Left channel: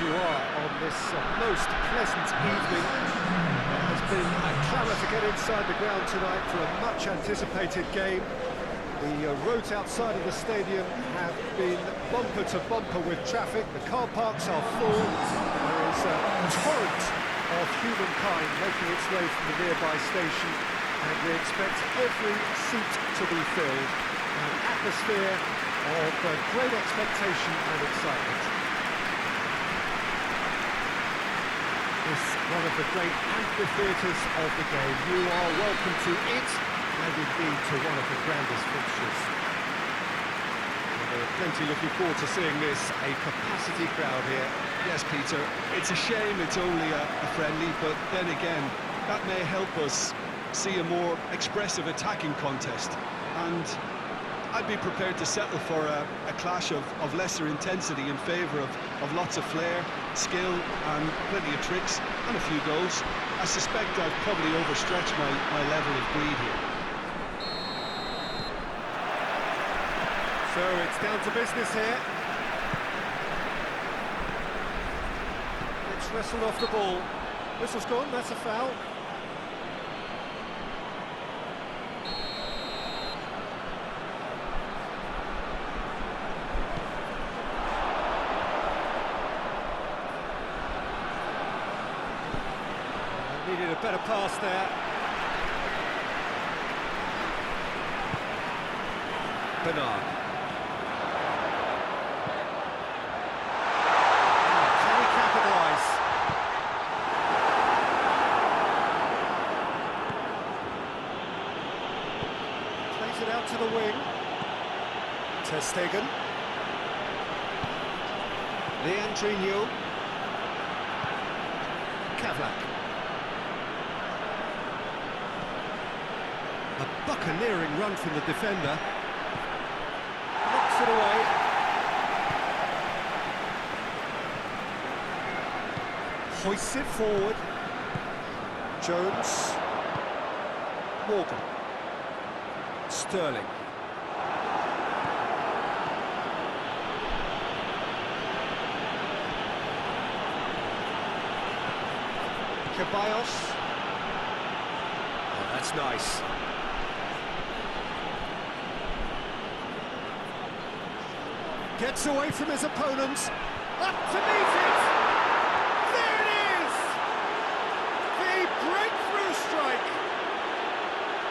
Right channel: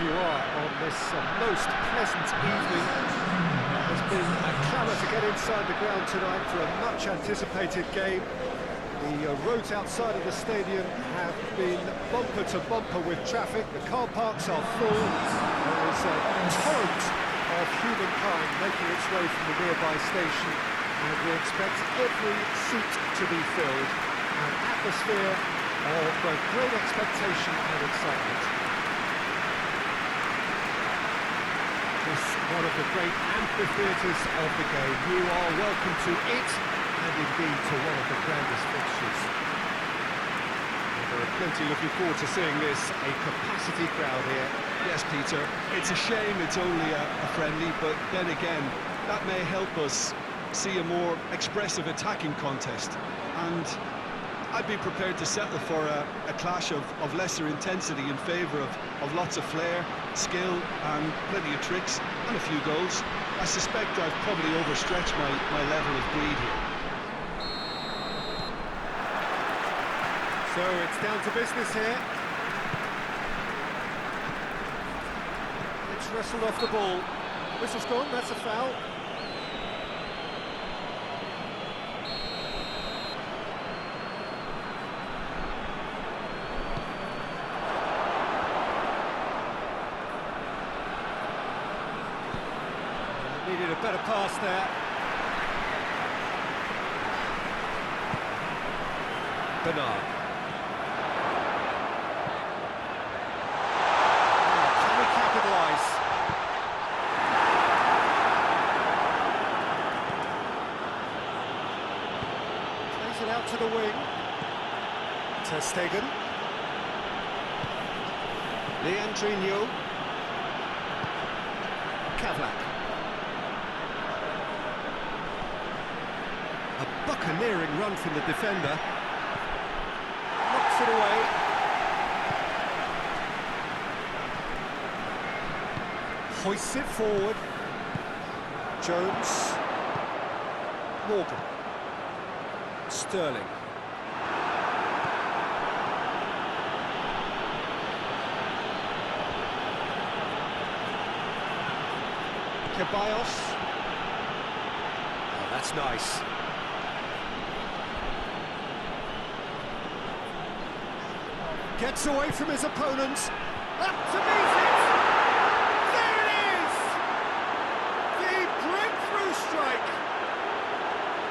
wherever you are on this most pleasant evening. There has been a clamour to get inside the ground tonight for a much-anticipated game. The roads outside of the stadium have been bumper to bumper with traffic. The car parks are full. There is a torrent of humankind making its way from the nearby station, and we expect every seat to be filled. An atmosphere of great expectation and excitement. This one of the great amphitheatres of the game. You are welcome to it, and indeed to one of the grandest fixtures. Well, there are plenty looking forward to seeing this, a capacity crowd here. Yes, Peter, it's a shame it's only a friendly, but then again, that may help us see a more expressive attacking contest. And I'd be prepared to settle for a clash of lesser intensity in favour of lots of flair, skill and plenty of tricks and a few goals. I suspect I've probably overstretched my level of greed here. So it's down to business here. It's wrestled off the ball. Whistle's gone, that's a foul. Needed a better pass there. Bernard. Can we capitalise? Plays it out to the wing. Ter Stegen. Leandrinho. Kavlak. A buccaneering run from the defender. Knocks it away. Hoists it forward. Jones. Morgan. Sterling. Ceballos. Oh, that's nice. Gets away from his opponents, up to meet it! There it is! The breakthrough strike!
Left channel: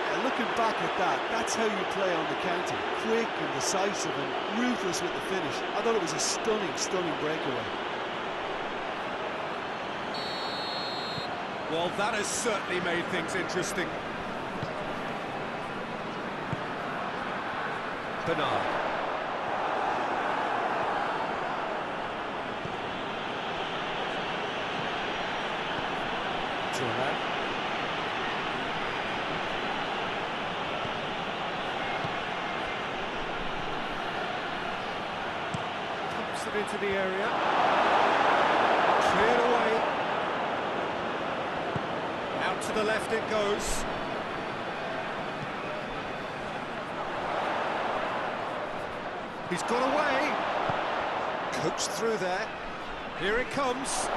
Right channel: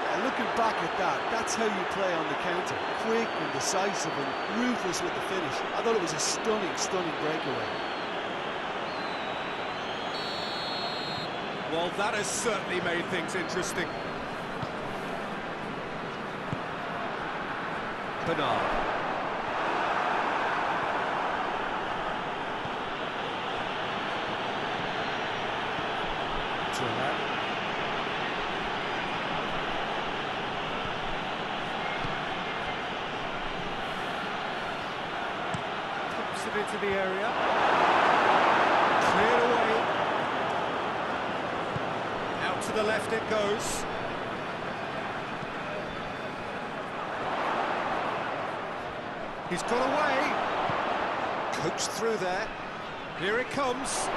Yeah, looking back at that, that's how you play on the counter. Quick and decisive and ruthless with the finish. I thought it was a stunning, stunning breakaway. Well, that has certainly made things interesting. Bernard. That. Pumps it into the area. Cleared away. Out to the left it goes. He's got away. Coached through there. Here it comes.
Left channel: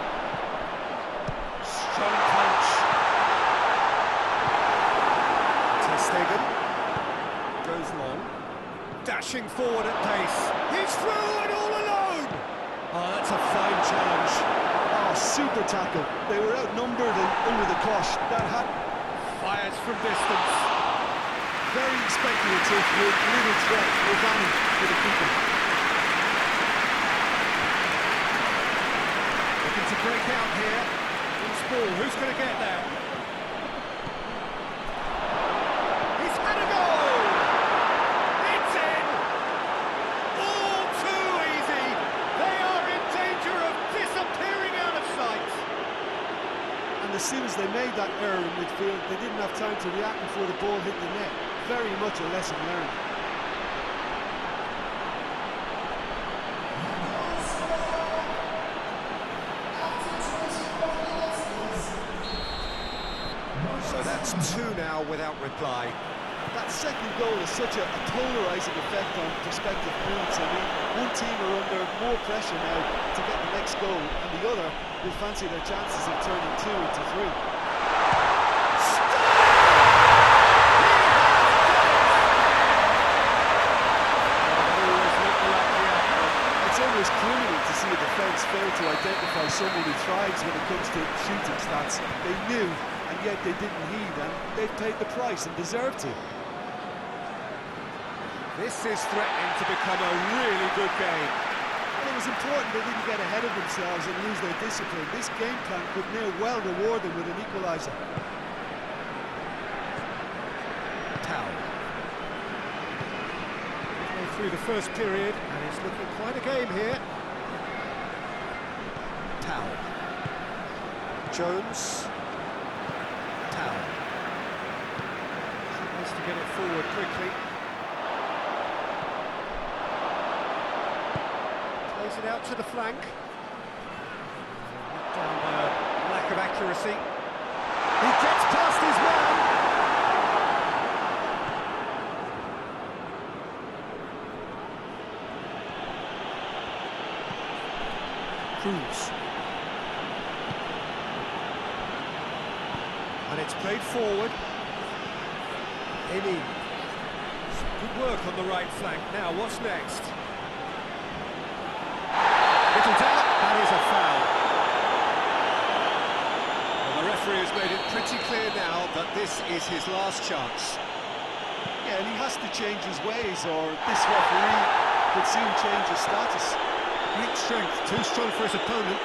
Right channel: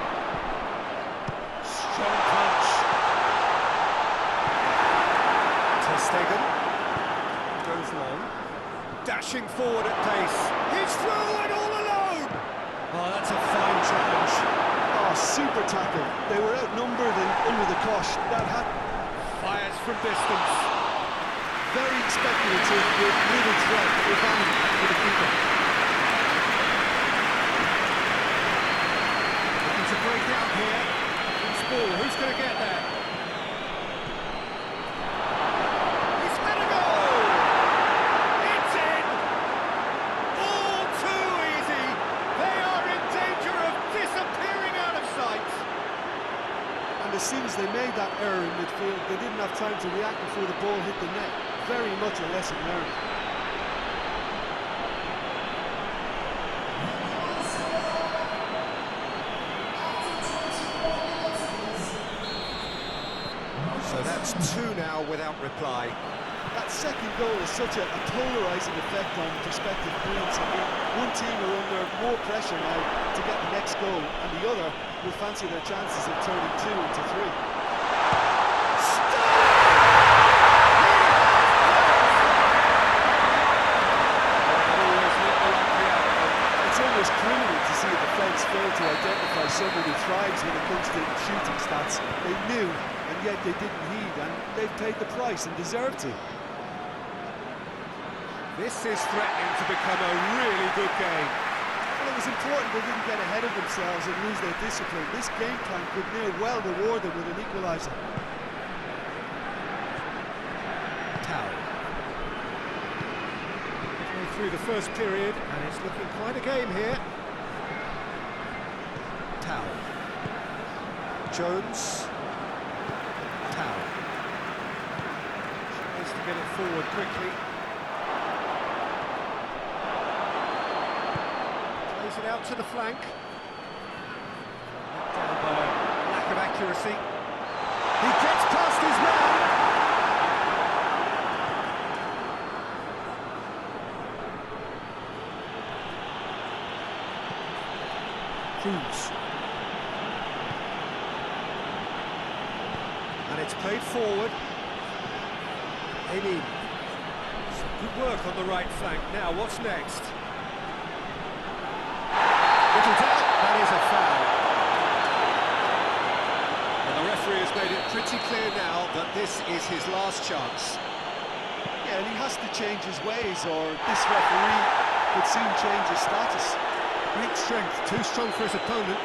Strong punch. Ter Stegen goes long, dashing forward at pace. He's through and all alone. Oh, that's a fine challenge. Oh, super tackle. They were outnumbered and under the cosh. That hat fires from distance. Very speculative with little threat, if any, for the keeper. Looking to break out here. Loose ball, who's going to get there? He's had a goal! It's in! All too easy! They are in danger of disappearing out of sight! And as soon as they made that error in midfield, they didn't have time to react before the ball hit the net. Very much a lesson learned. So that's two now without reply. That second goal has such a polarising effect on prospective moods. I mean, one team are under more pressure now to get the next goal, and the other will fancy their chances of turning 2 into 3. It's almost criminal to see a defence fail to identify someone who thrives when it comes to shooting stats. They knew, and yet they didn't heed, and they've paid the price and deserve to. This is threatening to become a really good game. Well, it was important they didn't get ahead of themselves and lose their discipline. This game plan could now well reward them with an equaliser. Through the first period, and it's looking quite a game here. Jones. She needs to get it forward quickly. Plays it out to the flank. Let down by a lack of accuracy. He gets past his man. Cruz. And it's played forward. Some good work on the right flank. Now, what's next? Little doubt, that is a foul. Well, the referee has made it pretty clear now that this is his last chance. Yeah, and he has to change his ways, or this referee could soon change his status. Great strength, too strong for his opponent.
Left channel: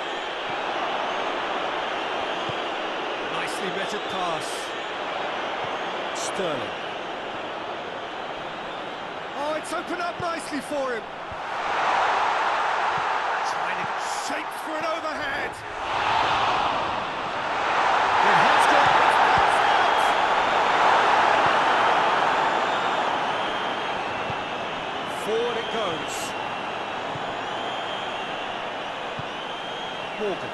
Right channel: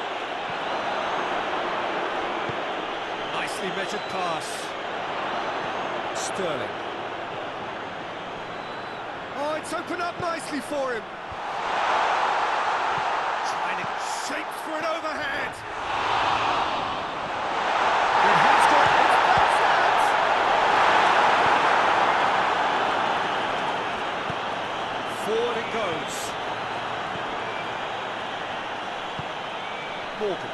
Nicely measured pass. Sterling. Oh, it's opened up nicely for him. Trying to get shaped for an overhead. It has got, it's bounced out. Forward it goes. Morgan.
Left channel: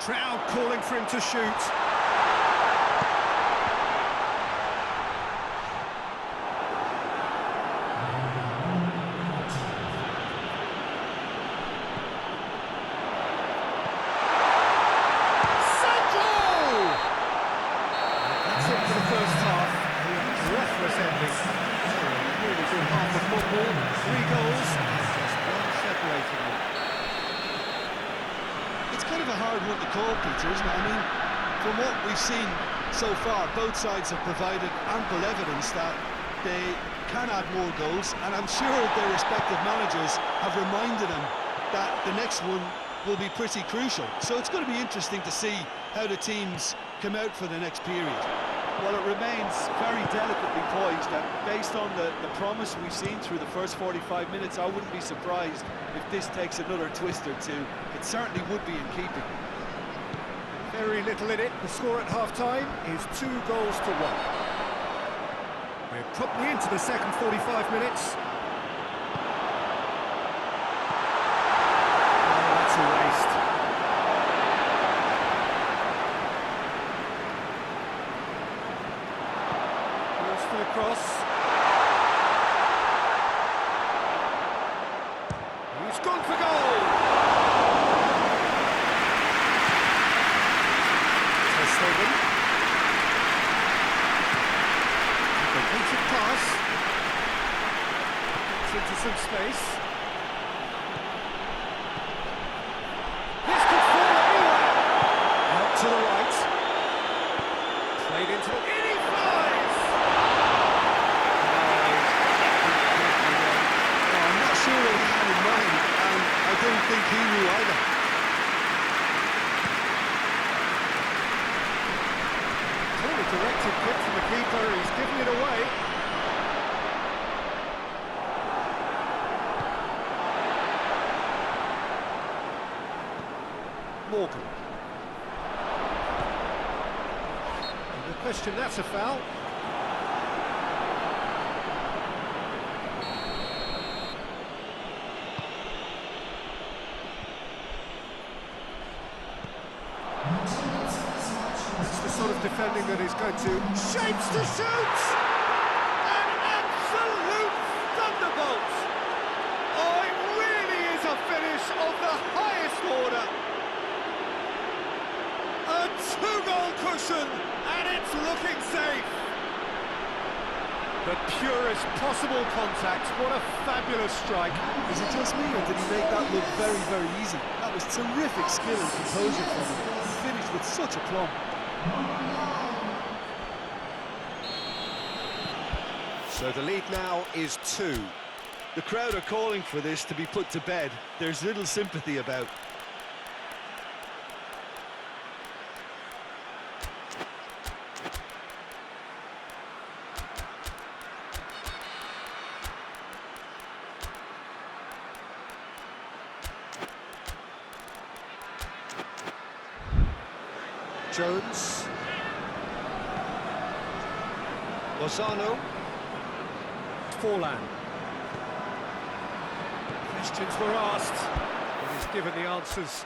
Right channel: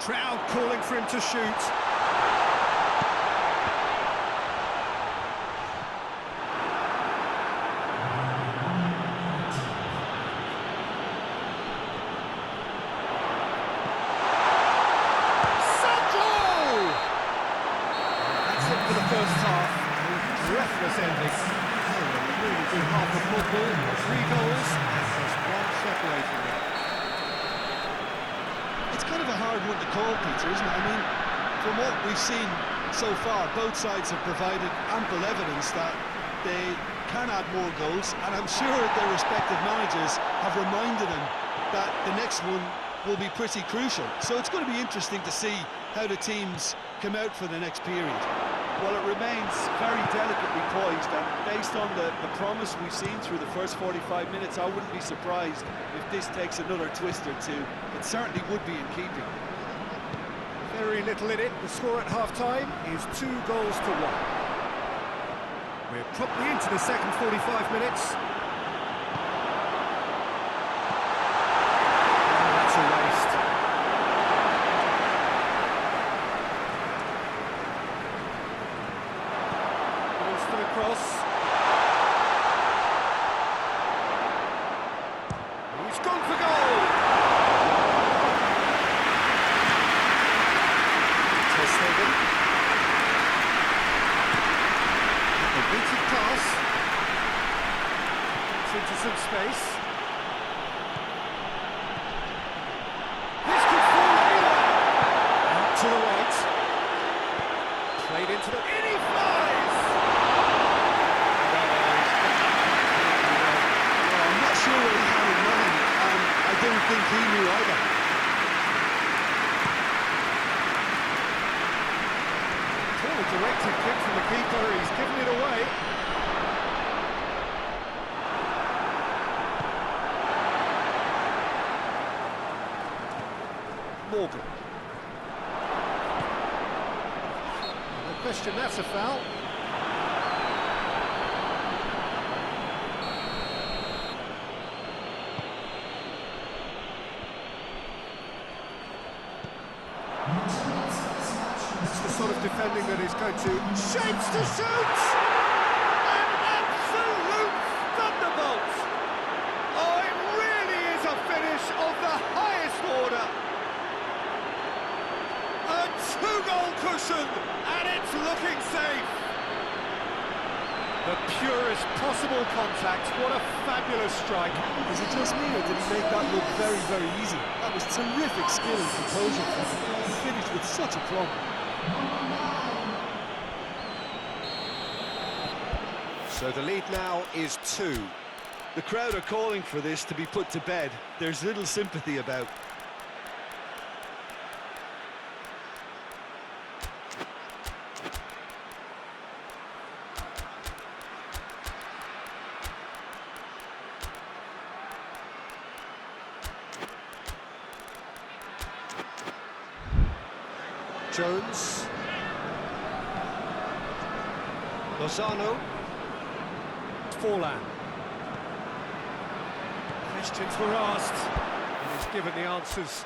Crowd calling for him to shoot. Sancho! That's it for the first half. A breathless ending. A really good half of football, 3 goals and just one separating them. It's kind of a hard one to call, Peter, isn't it? I mean, from what we've seen so far, both sides have provided ample evidence that they can add more goals, and I'm sure their respective managers have reminded them that the next one will be pretty crucial. So it's going to be interesting to see how the teams come out for the next period. Well, it remains very delicately poised, and based on the promise we've seen through the first 45 minutes, I wouldn't be surprised if this takes another twist or two. It certainly would be in keeping. Very little in it. The score at half-time is 2 goals to 1. We're promptly into the second 45 minutes. Oh, that's a waste. To the cross. He's gone for goal. Ter Stegen. And the weighted pass. Gets into some space. This could fall anywhere. Out to the right. Played into the... In he flies! Sure what he had in mind, and I don't think he knew either. Poorly directed kick from the keeper, he's given it away. Morgan. No question, that's a foul. defending that is going to... Shapes to shoot! An absolute thunderbolt! Oh, it really is a finish of the highest order! A two-goal cushion, and it's looking safe! The purest possible contact, what a fabulous strike. Is it just me, or did he make that look very, very easy? That was terrific skill and composure from him. He finished with such aplomb. So the lead now is 2. The crowd are calling for this to be put to bed. There's little sympathy about. Jones. Lozano. Forlan. Questions were asked, and he's given the answers.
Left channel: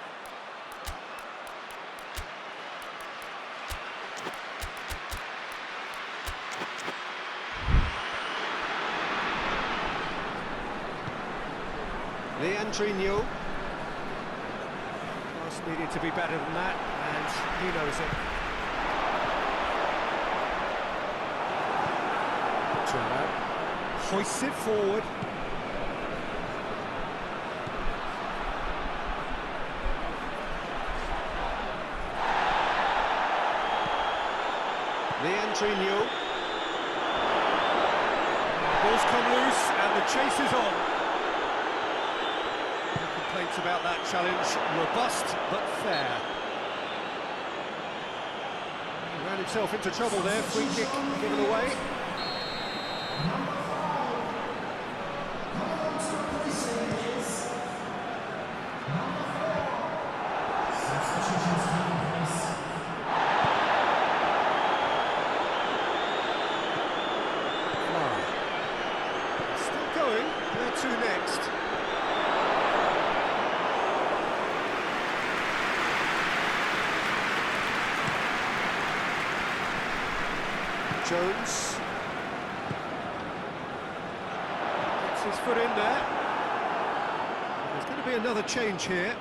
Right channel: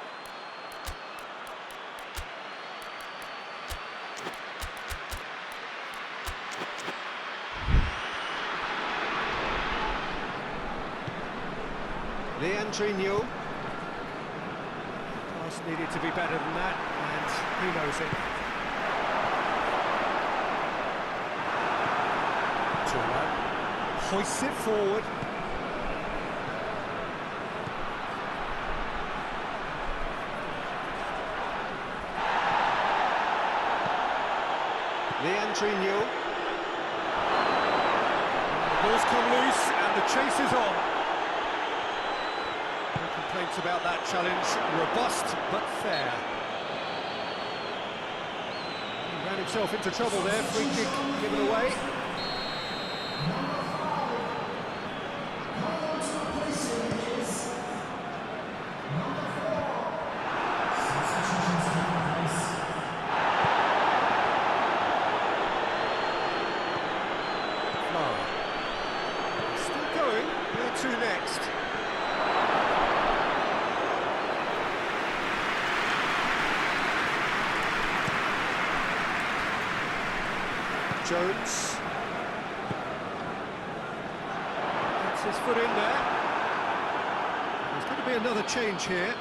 Leandrinho. Pass needed to be better than that, and he knows it. Turnout. Hoists it forward. Leandrinho. The ball's come loose and the chase is on. No complaints about that challenge. Robust but fair. He ran himself into trouble there. Free kick given away. Still going, where to next? Jones gets his foot in there. There's going to be another change here.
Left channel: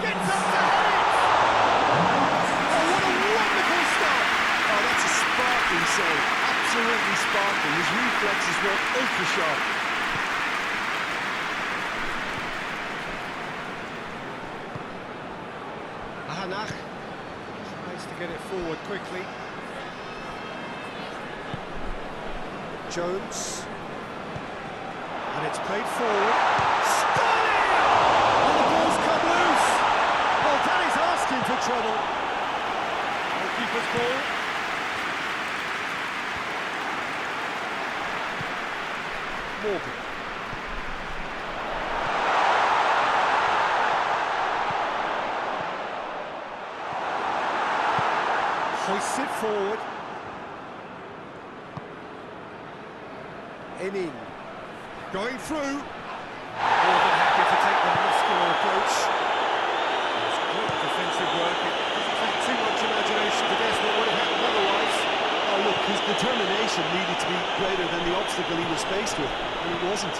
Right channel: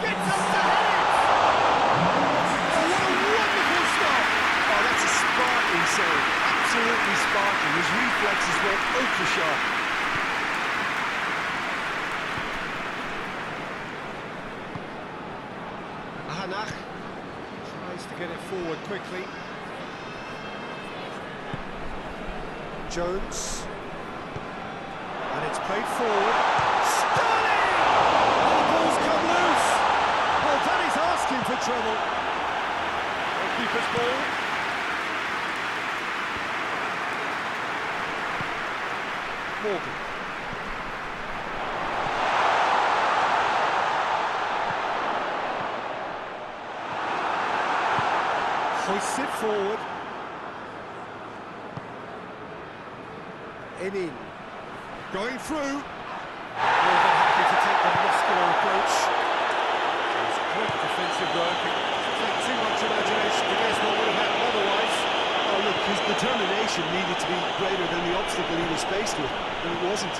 Gets up to head it! Oh, what a wonderful stop! Oh, that's a sparkling save. Absolutely sparkling. His reflexes were ultra sharp. Ahanach tries to get it forward quickly. Jones. And it's played forward. Sterling! Oh, the ball's come loose! Well, that is asking for trouble. Goalkeeper's ball. Morgan. Hoists it forward. In. Going through. More than happy to take the muscular approach. It's great defensive work. It doesn't take too much imagination to guess what would have happened otherwise. Oh, look, his determination needed to be greater than the obstacle he was faced with, and it wasn't.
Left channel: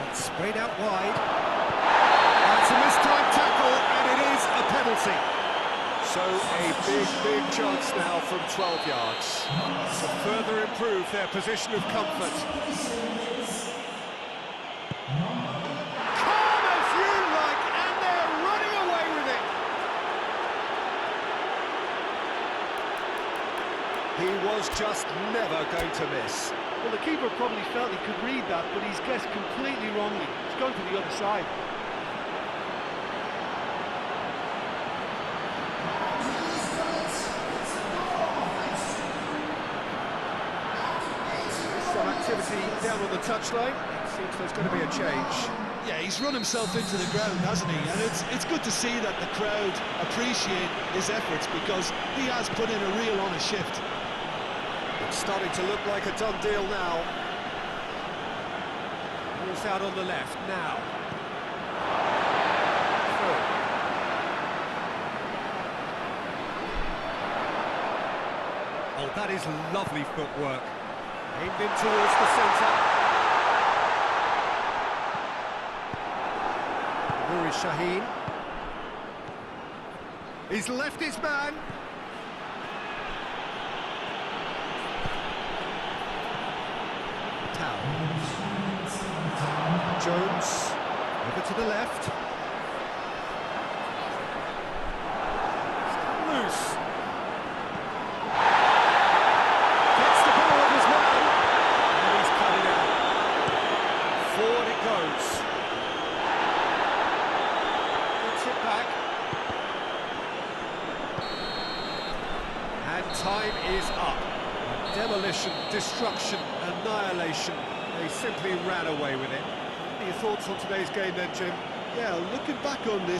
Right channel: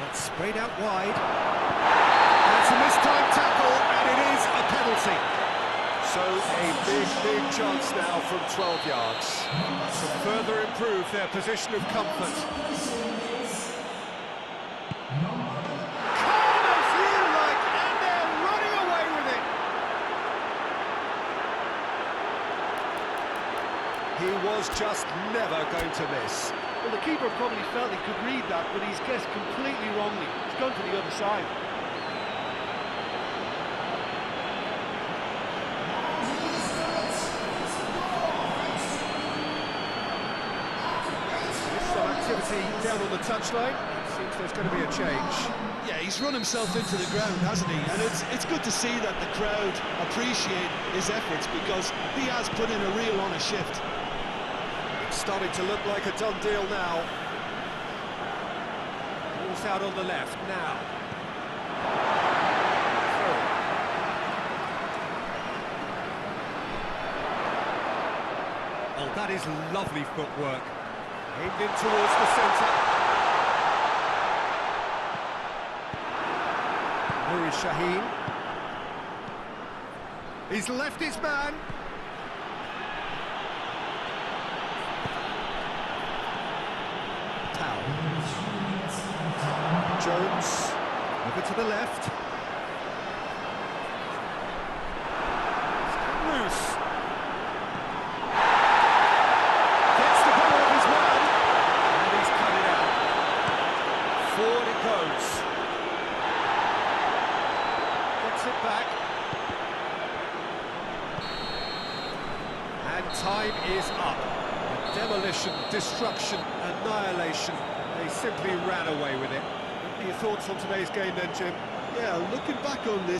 That's sprayed out wide. That's a mistimed tackle, and it is a penalty. So a big chance now from 12 yards to further improve their position of comfort. Calm as you like, and they're running away with it. He was just never going to miss. Well, the keeper probably felt he could read that, but he's guessed completely wrongly. He's gone to the other side. Some activity down on the touchline. It seems there's going to be a change. Yeah, he's run himself into the ground, hasn't he? And it's good to see that the crowd appreciate his efforts, because he has put in a real honest shift. It's starting to look like a done deal now. Ball's out on the left now. Through. Oh, that is lovely footwork. Aimed in towards the centre. Nuri Shaheen. He's left his man. Tau. Jones. Over to the left. He's come loose. Gets the ball of his man. And he's cut it out. Forward it goes. Gets it back. And time is up. Demolition, destruction, annihilation. They simply ran away with it. What are your thoughts on today's game then, Jim? Yeah, looking back on this,